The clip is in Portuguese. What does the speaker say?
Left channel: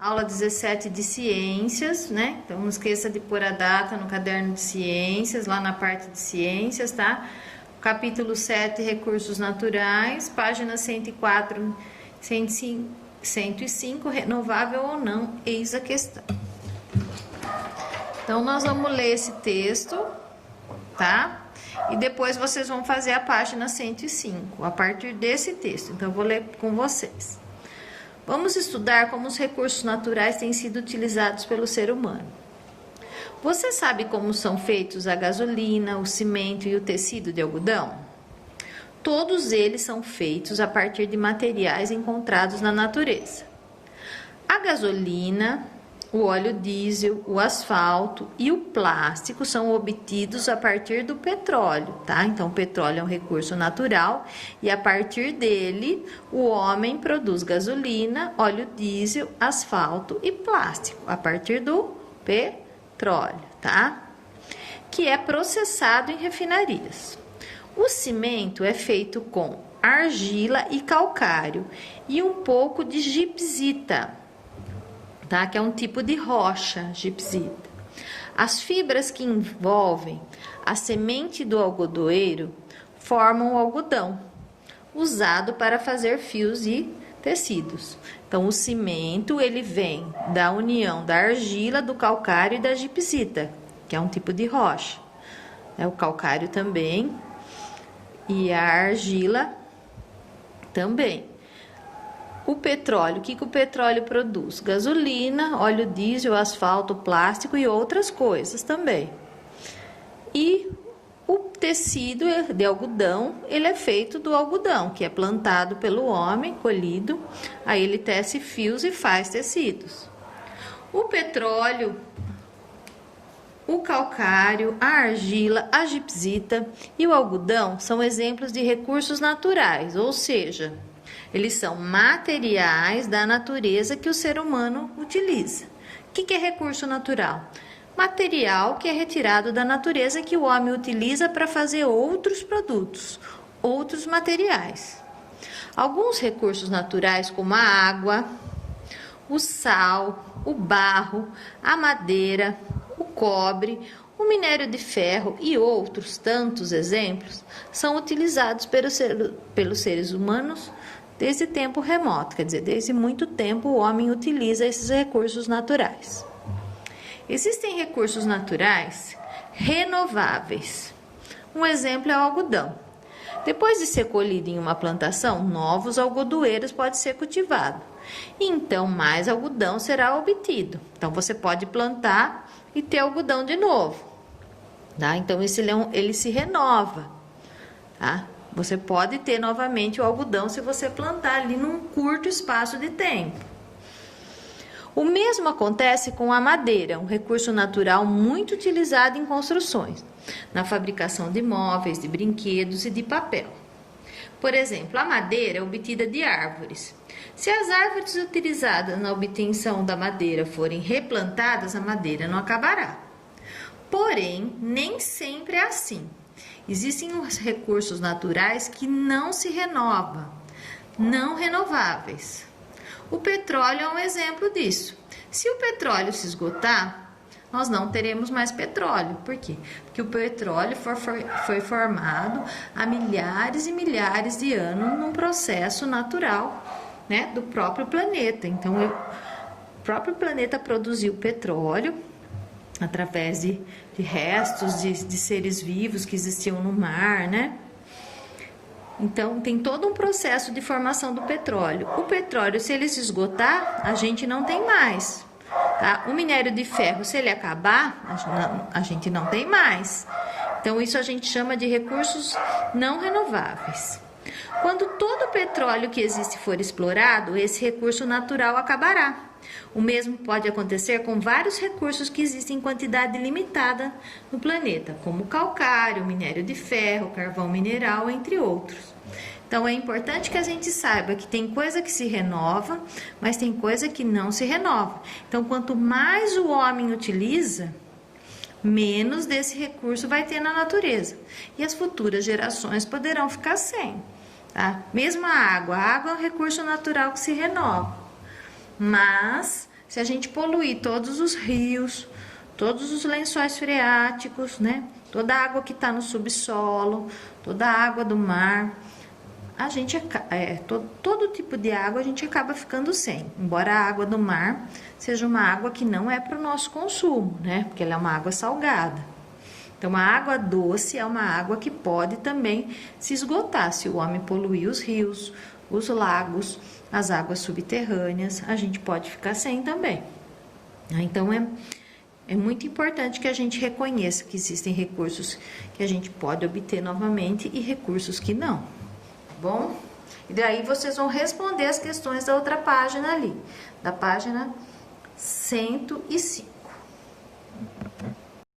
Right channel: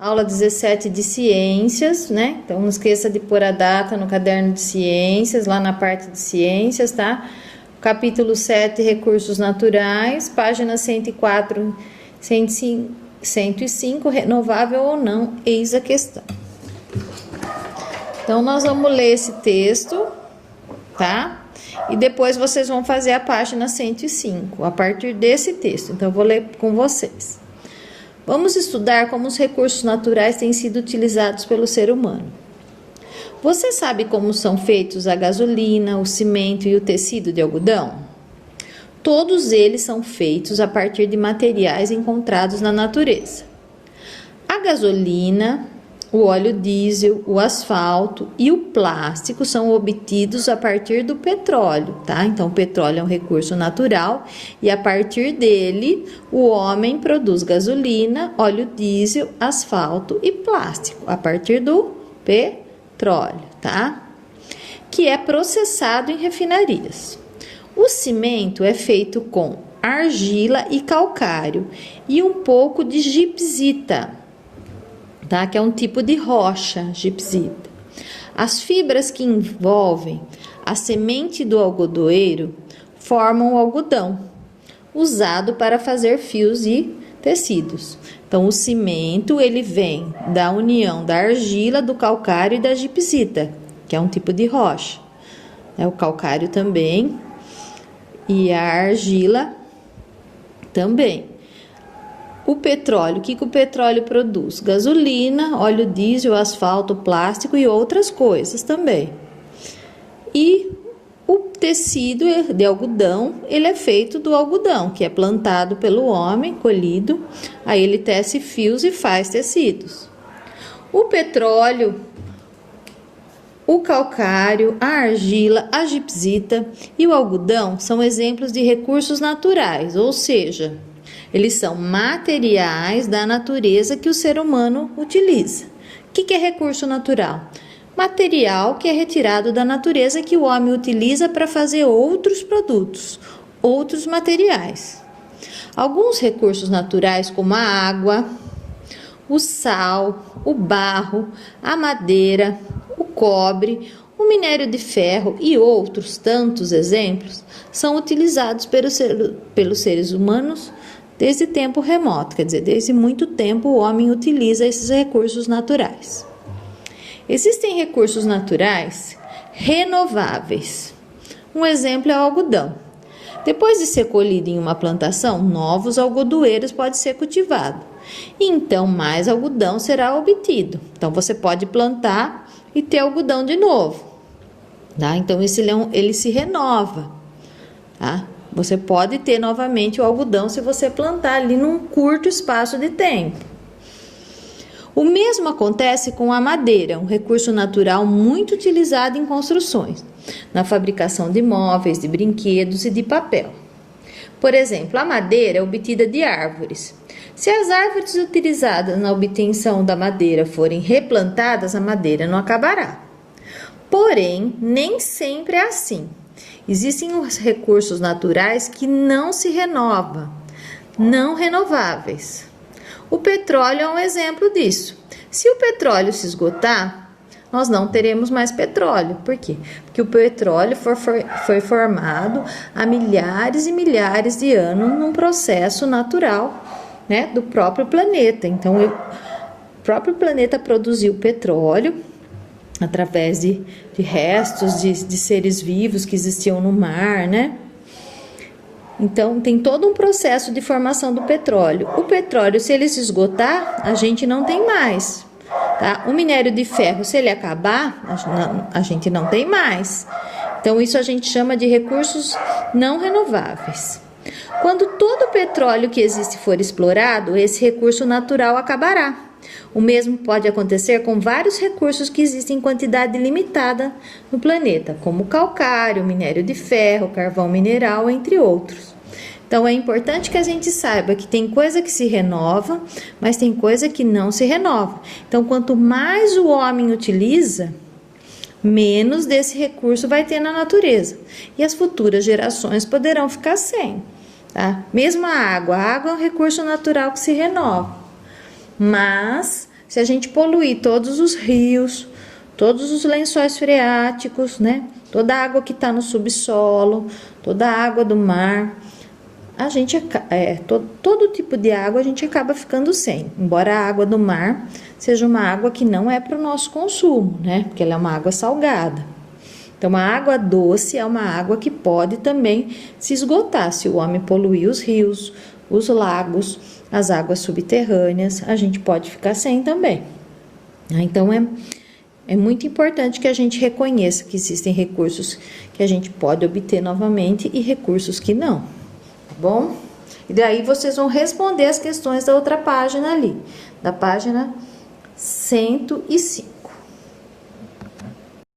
Aula 17 de ciências, né? Então, não esqueça de pôr a data no caderno de ciências, lá na parte de ciências, tá? Capítulo 7, recursos naturais, página 104, 105, 105, renovável ou não, eis a questão. Então, nós vamos ler esse texto, tá? E depois vocês vão fazer a página 105, a partir desse texto. Então, eu vou ler com vocês. Vamos estudar como os recursos naturais têm sido utilizados pelo ser humano. Você sabe como são feitos a gasolina, o cimento e o tecido de algodão? Todos eles são feitos a partir de materiais encontrados na natureza. A gasolina, o óleo diesel, o asfalto e o plástico são obtidos a partir do petróleo, tá? Então, o petróleo é um recurso natural e a partir dele o homem produz gasolina, óleo diesel, asfalto e plástico, a partir do petróleo, tá? Que é processado em refinarias. O cimento é feito com argila e calcário e um pouco de gipsita, tá? Que é um tipo de rocha, gipsita. As fibras que envolvem a semente do algodoeiro formam o algodão, usado para fazer fios e tecidos. Então, o cimento, ele vem da união da argila, do calcário e da gipsita, que é um tipo de rocha. O calcário também e a argila também. O petróleo, o que o petróleo produz? Gasolina, óleo diesel, asfalto, plástico e outras coisas também. E o tecido de algodão, ele é feito do algodão, que é plantado pelo homem, colhido, aí ele tece fios e faz tecidos. O petróleo, o calcário, a argila, a gipsita e o algodão são exemplos de recursos naturais, ou seja, eles são materiais da natureza que o ser humano utiliza. O que é recurso natural? Material que é retirado da natureza que o homem utiliza para fazer outros produtos, outros materiais. Alguns recursos naturais, como a água, o sal, o barro, a madeira, o cobre, o minério de ferro e outros tantos exemplos, são utilizados pelos seres humanos desde tempo remoto, quer dizer, desde muito tempo o homem utiliza esses recursos naturais. Existem recursos naturais renováveis. Um exemplo é o algodão. Depois de ser colhido em uma plantação, novos algodoeiros podem ser cultivados. E então, mais algodão será obtido. Então, você pode plantar e ter algodão de novo. Tá? Então, ele se renova. Tá? Você pode ter novamente o algodão se você plantar ali num curto espaço de tempo. O mesmo acontece com a madeira, um recurso natural muito utilizado em construções, na fabricação de móveis, de brinquedos e de papel. Por exemplo, a madeira é obtida de árvores. Se as árvores utilizadas na obtenção da madeira forem replantadas, a madeira não acabará. Porém, nem sempre é assim. Existem os recursos naturais que não se renovam, não renováveis. O petróleo é um exemplo disso. Se o petróleo se esgotar, nós não teremos mais petróleo. Por quê? Porque o petróleo foi formado há milhares e milhares de anos num processo natural, né, do próprio planeta. Então, o próprio planeta produziu petróleo através de restos de seres vivos que existiam no mar, né? Então, tem todo um processo de formação do petróleo. O petróleo, se ele se esgotar, a gente não tem mais, tá? O minério de ferro, se ele acabar, a gente não tem mais. Então, isso a gente chama de recursos não renováveis. Quando todo o petróleo que existe for explorado, esse recurso natural acabará. O mesmo pode acontecer com vários recursos que existem em quantidade limitada no planeta, como calcário, minério de ferro, carvão mineral, entre outros. Então, é importante que a gente saiba que tem coisa que se renova, mas tem coisa que não se renova. Então, quanto mais o homem utiliza, menos desse recurso vai ter na natureza. E as futuras gerações poderão ficar sem. Tá? Mesmo a água é um recurso natural que se renova. Mas Se a gente poluir todos os rios, todos os lençóis freáticos, né? Toda a água que está no subsolo, toda a água do mar, a gente todo tipo de água a gente acaba ficando sem. Embora a água do mar seja uma água que não é para o nosso consumo, né? Porque ela é uma água salgada. Então, a água doce é uma água que pode também se esgotar. Se o homem poluir os rios, os lagos, as águas subterrâneas, a gente pode ficar sem também. Então, é muito importante que a gente reconheça que existem recursos que a gente pode obter novamente e recursos que não, tá bom? E daí vocês vão responder as questões da outra página ali, da página 105.